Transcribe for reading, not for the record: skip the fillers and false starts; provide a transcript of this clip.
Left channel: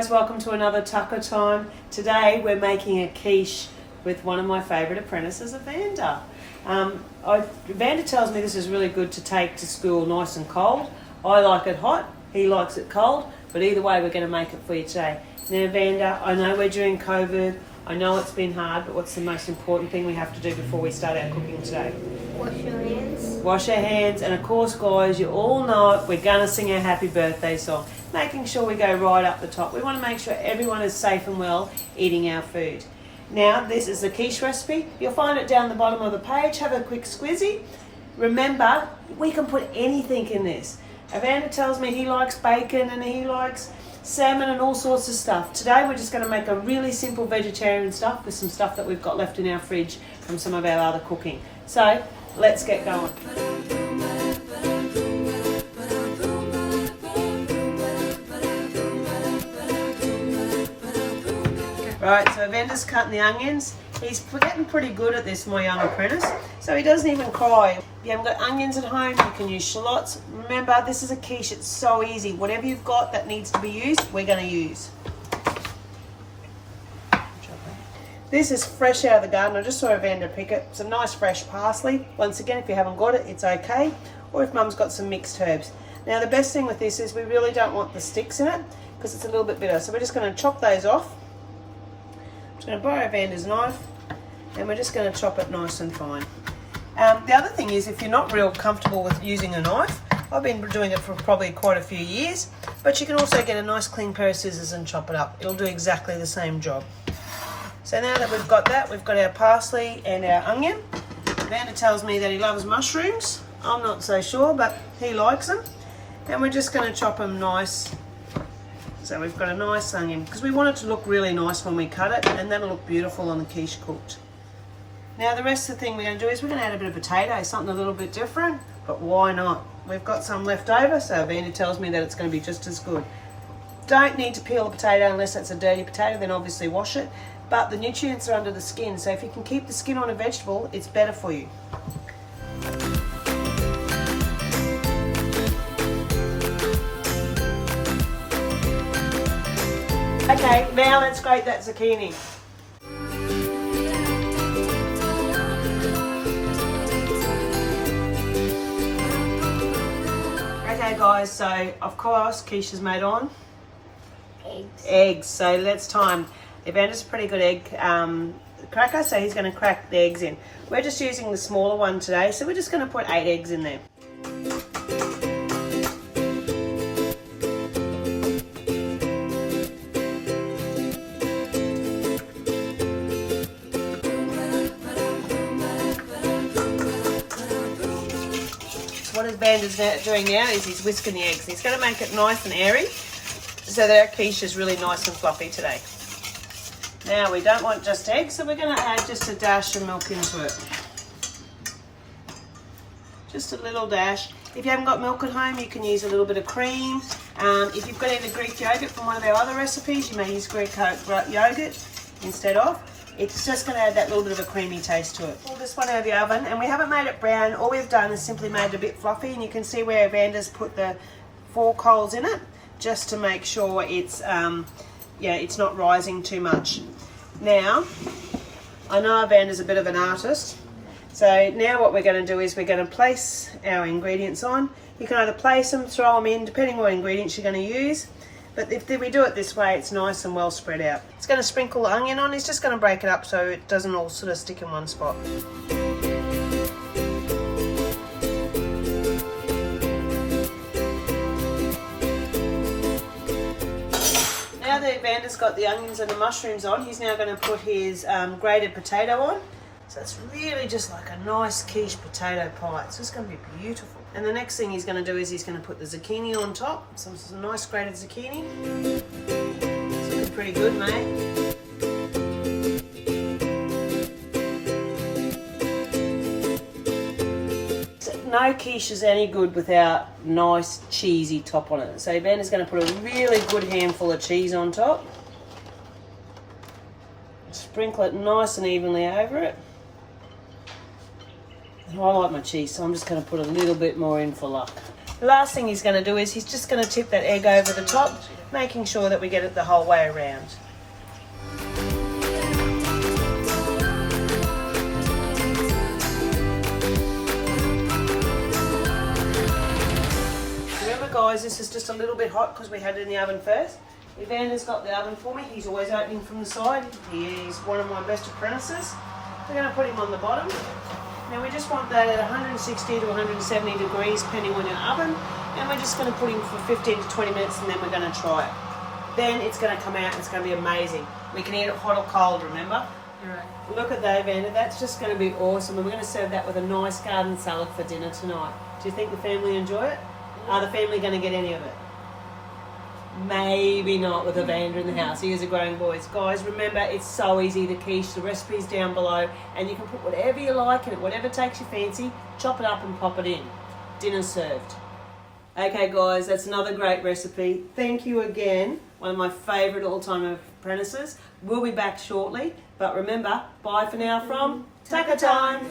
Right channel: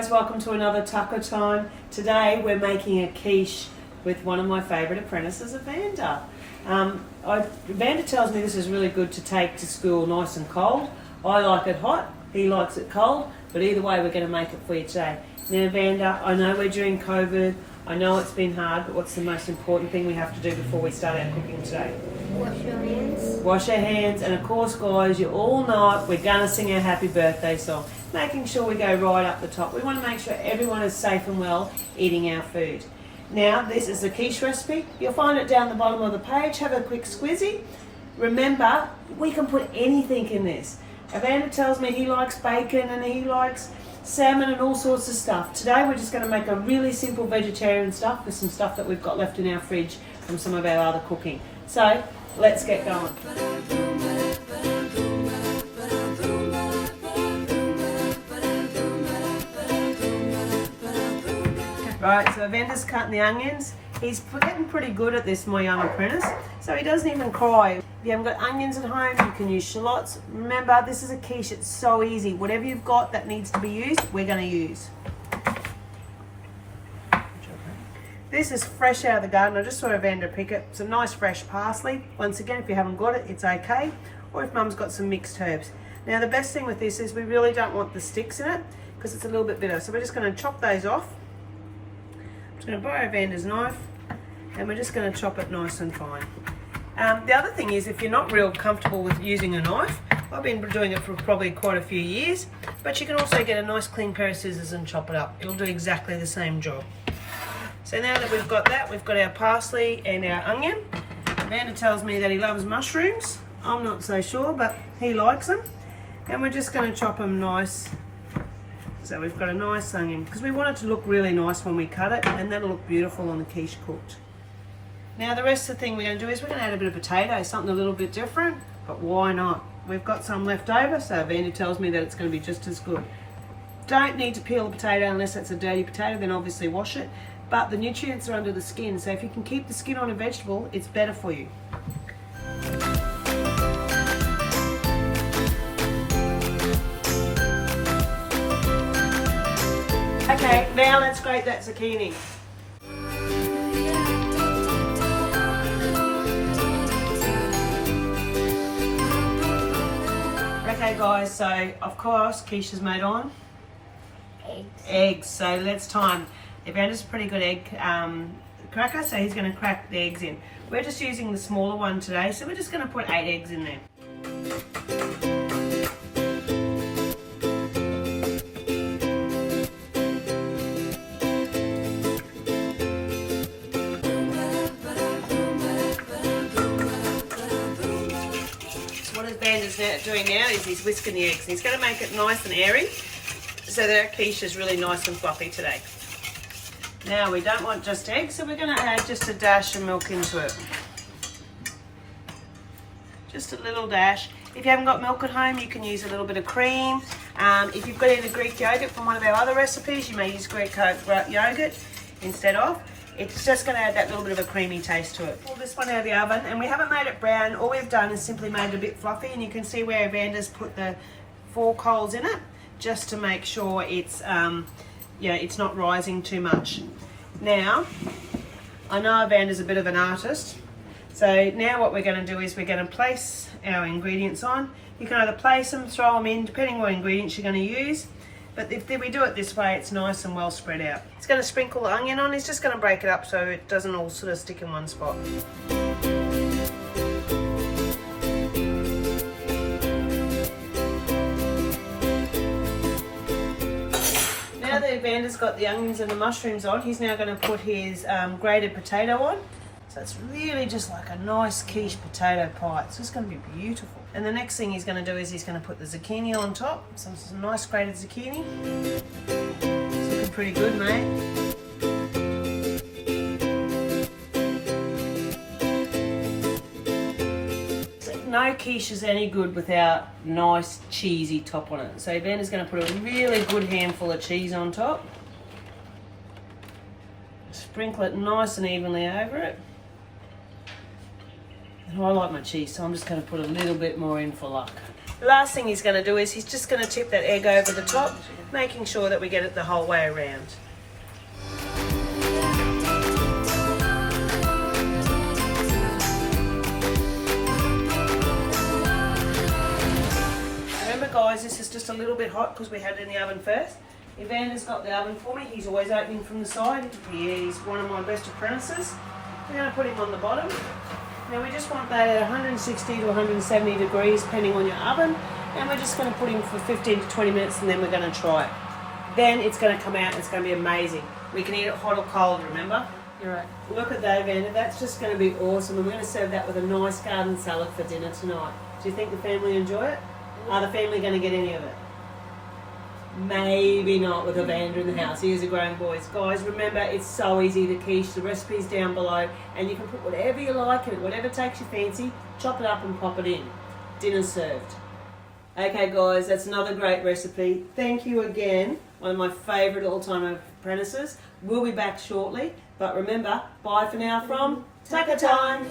guys, welcome to another Tucka-Time. Today we're making a quiche with one of my favourite apprentices, Evander. Evander tells me this is really good to take to school nice and cold. I like it hot, he likes it cold, but either way we're going to make it for you today. Now Evander, I know we're during COVID, I know it's been hard, but what's the most important thing we have to do before we start our cooking today? Wash your hands. Wash our hands, and of course guys, you all know it, we're going to sing our happy birthday song. Making sure we go right up the top. We want to make sure everyone is safe and well eating our food. Now, this is the quiche recipe. You'll find it down the bottom of the page. Have a quick squizzy. Remember, we can put anything in this. Evander tells me he likes bacon and he likes salmon and all sorts of stuff. Today we're just going to make a really simple vegetarian stuff with some stuff that we've got left in our fridge from some of our other cooking. So, let's get going. Right, so Evander's cutting the onions. He's getting pretty good at this, my young apprentice. So he doesn't even cry. If you haven't got onions at home, you can use shallots. Remember, this is a quiche, it's so easy. Whatever you've got that needs to be used, we're going to use. This is fresh out of the garden. I just saw Evander pick it. It's a nice fresh parsley. Once again, if you haven't got it, it's okay. Or if Mum's got some mixed herbs. Now, the best thing with this is we really don't want the sticks in it because it's a little bit bitter. So we're just going to chop those off. I'm just going to borrow Evander's knife and we're just going to chop it nice and fine. The other thing is, if you're not real comfortable with using a knife, I've been doing it for probably quite a few years, but you can also get a nice clean pair of scissors and chop it up. It'll do exactly the same job. So now that we've got that, we've got our parsley and our onion. Evander tells me that he loves mushrooms. I'm not so sure, but he likes them. And we're just going to chop them nice. So we've got a nice onion, because we want it to look really nice when we cut it, and that'll look beautiful on the quiche cooked. Now the rest of the thing we're going to do is we're going to add a bit of potato, something a little bit different, but why not? We've got some left over, so Evander tells me that it's going to be just as good. Don't need to peel a potato unless it's a dirty potato, then obviously wash it. But the nutrients are under the skin, so if you can keep the skin on a vegetable, it's better for you. Okay, now let's grate that zucchini. Okay guys, so of course quiche is made on eggs. So let's time. Evander's a pretty good egg cracker, so he's going to crack the eggs in. We're just using the smaller one today, so we're just going to put 8 eggs in there. What Evander's doing now is he's whisking the eggs. He's going to make it nice and airy so that our quiche is really nice and fluffy today. Now we don't want just eggs, so we're going to add just a dash of milk into it. Just a little dash. If you haven't got milk at home, you can use a little bit of cream. If you've got either Greek yogurt from one of our other recipes, you may use Greek yogurt instead of. It's just going to add that little bit of a creamy taste to it. Pull this one out of the oven, and we haven't made it brown. All we've done is simply made it a bit fluffy, and you can see where Evander's put the 4 coals in it, just to make sure it's it's not rising too much. Now, I know Evander's a bit of an artist, so now what we're going to do is we're going to place our ingredients on. You can either place them, throw them in, depending on what ingredients you're going to use. But if we do it this way, it's nice and well spread out. He's going to sprinkle the onion on. He's just going to break it up so it doesn't all sort of stick in one spot. Now that Evander's got the onions and the mushrooms on, he's now going to put his grated potato on. So it's really just like a nice quiche potato pie. It's just going to be beautiful. And the next thing he's going to do is he's going to put the zucchini on top. Some nice grated zucchini. It's looking pretty good, mate. No quiche is any good without nice cheesy top on it. So Evander's going to put a really good handful of cheese on top. Sprinkle it nice and evenly over it. And I like my cheese, so I'm just going to put a little bit more in for luck. The last thing he's going to do is he's just going to tip that egg over the top, making sure that we get it the whole way around. Remember guys, this is just a little bit hot because we had it in the oven first. Evander's got the oven for me. He's always opening from the side. He's one of my best apprentices. We're going to put him on the bottom. Now we just want that at 160 to 170 degrees depending on your oven. And we're just going to put him for 15 to 20 minutes and then we're going to try it. Then it's going to come out and it's going to be amazing. We can eat it hot or cold, remember? You're right. Look at that, Evander. That's just going to be awesome. And we're going to serve that with a nice garden salad for dinner tonight. Do you think the family enjoy it? Are the family going to get any of it? Maybe not with Evander in the house. He is a growing boy. Guys, remember, it's so easy, the quiche. The recipe's down below. And you can put whatever you like in it, whatever takes your fancy. Chop it up and pop it in. Dinner served. Okay, guys, that's another great recipe. Thank you again. One of my favourite all-time apprentices. We'll be back shortly. But remember, bye for now from Tucka-Time.